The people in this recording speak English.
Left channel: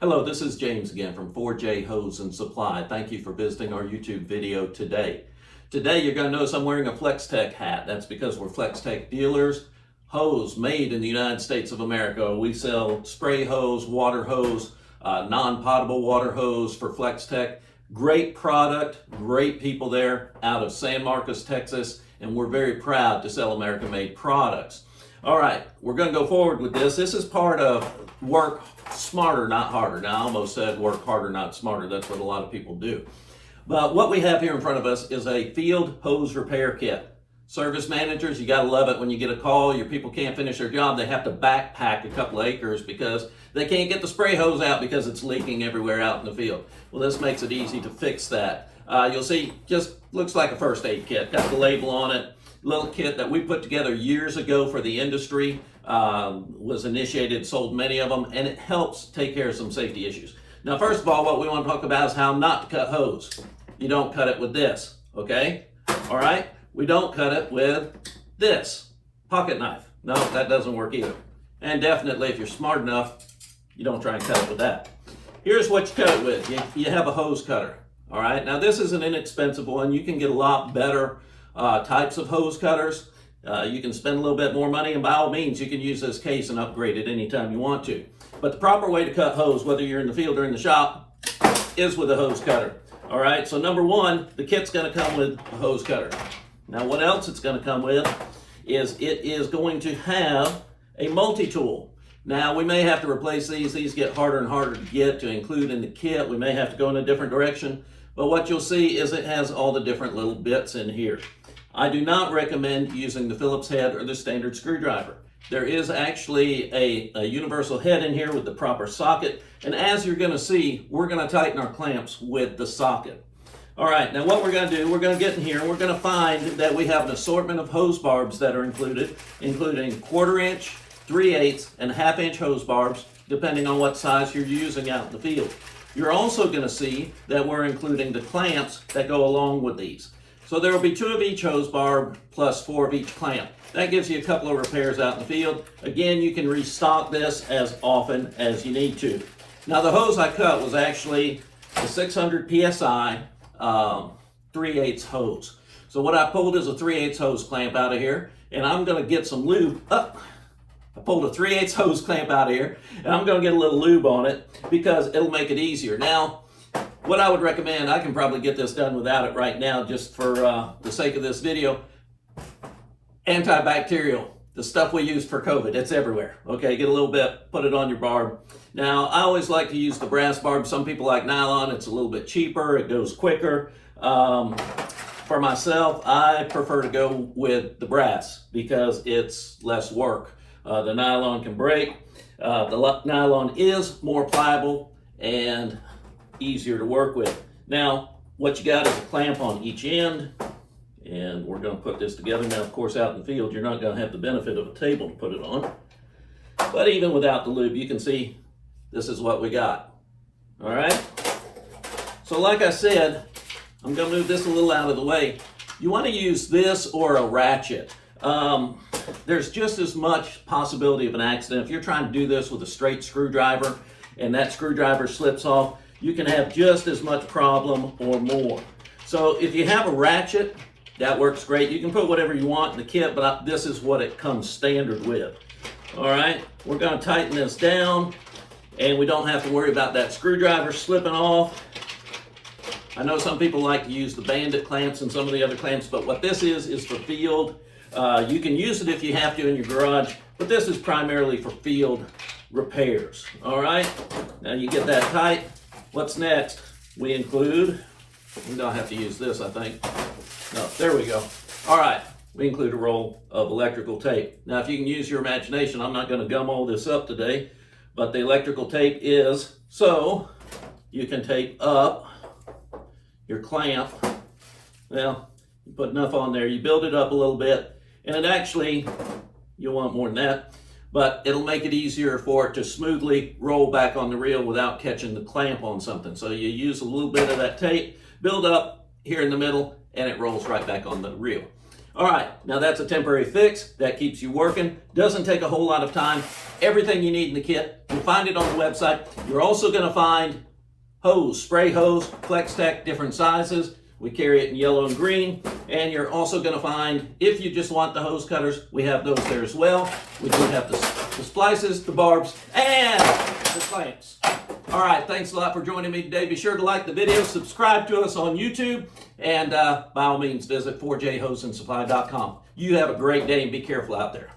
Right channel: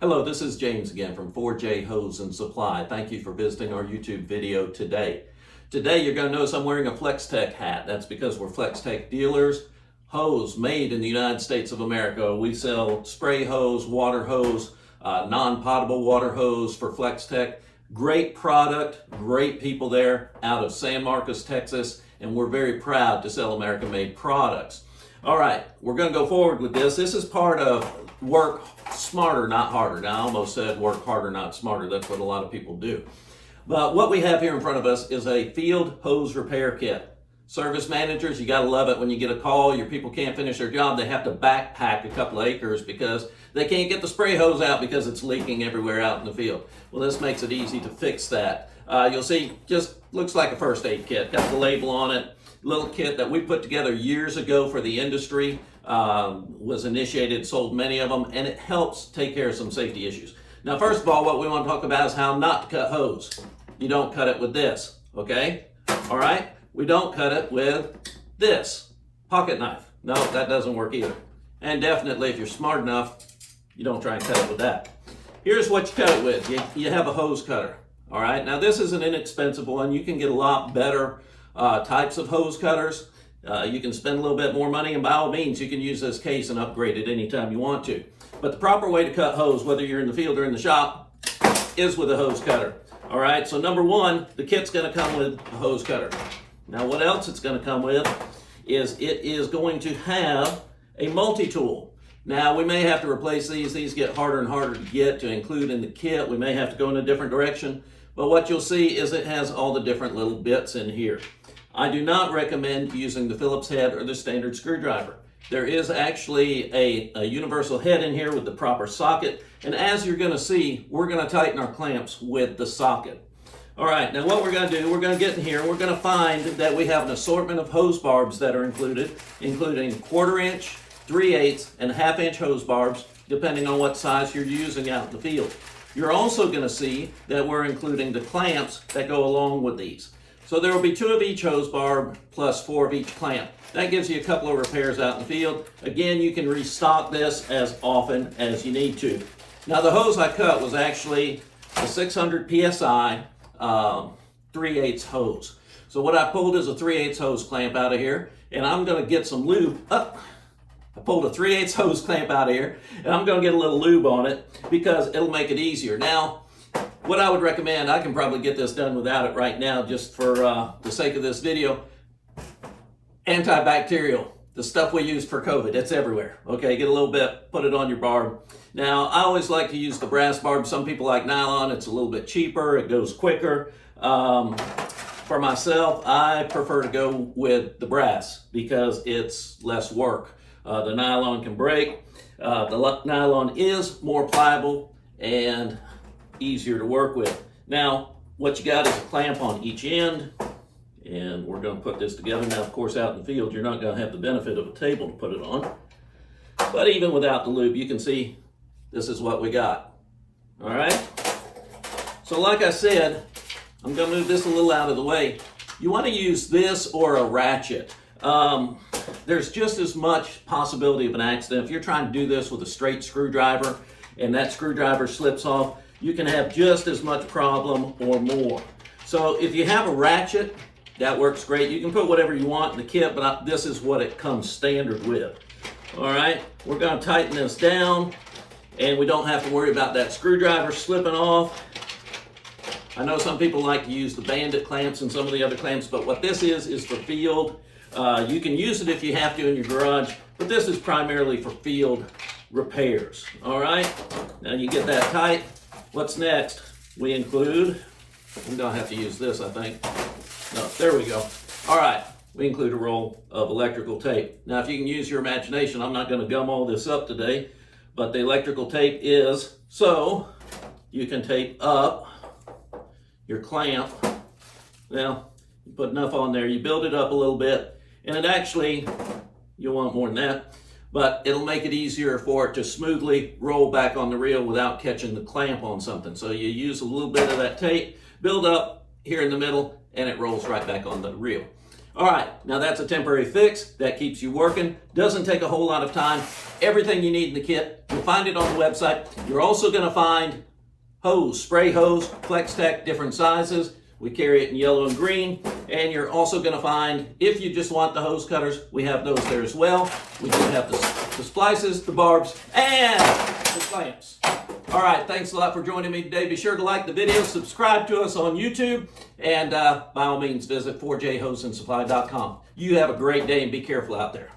Hello, this is James again from 4J Hose and Supply. Thank you for visiting our YouTube video today. Today you're going to notice I'm wearing a FlexTech hat. That's because we're FlexTech dealers. Hose made in the United States of America. We sell spray hose, water hose, non-potable water hose for FlexTech. Great product, great people there out of San Marcos, Texas, and we're very proud to sell American-made products. All right, we're going to go forward with this. This is part of work smarter, not harder. Now, I almost said work harder, not smarter. That's what a lot of people do. But what we have here in front of us is a field hose repair kit. Service managers, you got to love it when you get a call. Your people can't finish their job. They have to backpack a couple acres because they can't get the spray hose out because it's leaking everywhere out in the field. Well, this makes it easy to fix that. You'll see, just looks like a first aid kit. Got the label on it. Little kit that we put together years ago for the industry, was initiated, sold many of them, and it helps take care of some safety issues. Now, first of all, what we want to talk about is how not to cut hose. You don't cut it with this, okay? All right? We don't cut it with this pocket knife. No, that doesn't work either. And definitely, if you're smart enough, you don't try and cut it with that. Here's what you cut it with. You have a hose cutter, all right? Now, this is an inexpensive one. You can get a lot better types of hose cutters. You can spend a little bit more money, and by all means, you can use this case and upgrade it anytime you want to. But the proper way to cut hose, whether you're in the field or in the shop, is with a hose cutter. All right, so number one, the kit's going to come with a hose cutter. Now, what else it's going to come with is it is going to have a multi-tool. Now, we may have to replace these. These get harder and harder to get to include in the kit. We may have to go in a different direction. But what you'll see is it has all the different little bits in here. I do not recommend using the Phillips head or the standard screwdriver. There is actually a universal head in here with the proper socket. And as you're going to see, we're going to tighten our clamps with the socket. All right, now what we're going to do, we're going to get in here and we're going to find that we have an assortment of hose barbs that are included, including 1/4 inch, 3/8, and 1/2 inch hose barbs, depending on what size you're using out in the field. You're also going to see that we're including the clamps that go along with these. So there will be 2 of each hose barb plus 4 of each clamp. That gives you a couple of repairs out in the field. Again, you can restock this as often as you need to. Now, the hose I cut was actually a 600 PSI 3/8 hose. So what I pulled is a 3/8 hose clamp out of here, and I'm going to get some lube. I pulled a 3/8 hose clamp out of here, and I'm going to get a little lube on it because it'll make it easier. Now, what I would recommend, I can probably get this done without it right now just for the sake of this video. Antibacterial, the stuff we use for COVID, it's everywhere. Okay, get a little bit, put it on your barb. Now, I always like to use the brass barb. Some people like nylon, it's a little bit cheaper, it goes quicker. For myself, I prefer to go with the brass because it's less work. The nylon can break. The nylon is more pliable and easier to work with. Now, what you got is a clamp on each end, and we're going to put this together. Now, of course, out in the field, you're not going to have the benefit of a table to put it on. But even without the lube, you can see this is what we got. All right? So like I said, I'm going to move this a little out of the way. You want to use this or a ratchet. There's just as much possibility of an accident. If you're trying to do this with a straight screwdriver and that screwdriver slips off, you can have just as much problem or more. So if you have a ratchet, that works great. You can put whatever you want in the kit, but this is what it comes standard with. All right, we're going to tighten this down, and we don't have to worry about that screwdriver slipping off. I know some people like to use the bandit clamps and some of the other clamps, but what this is for field. You can use it if you have to in your garage, but this is primarily for field repairs. All right, now you get that tight. What's next? We include, we don't have to use this, I think. No, there we go. All right, we include a roll of electrical tape. Now, if you can use your imagination, I'm not going to gum all this up today, but the electrical tape is so you can tape up your clamp. Now, you put enough on there, you build it up a little bit, and it actually, you'll want more than that, but it'll make it easier for it to smoothly roll back on the reel without catching the clamp on something. So you use a little bit of that tape, build up here in the middle, and it rolls right back on the reel. All right, now that's a temporary fix. That keeps you working. Doesn't take a whole lot of time. Everything you need in the kit, you'll find it on the website. You're also going to find hose, spray hose, FlexTech, different sizes. We carry it in yellow and green. And you're also going to find, if you just want the hose cutters, we have those there as well. We do have the splices, the barbs, and the clamps. All right, thanks a lot for joining me today. Be sure to like the video, subscribe to us on YouTube, and by all means, visit 4jhoseandsupply.com. You have a great day and be careful out there.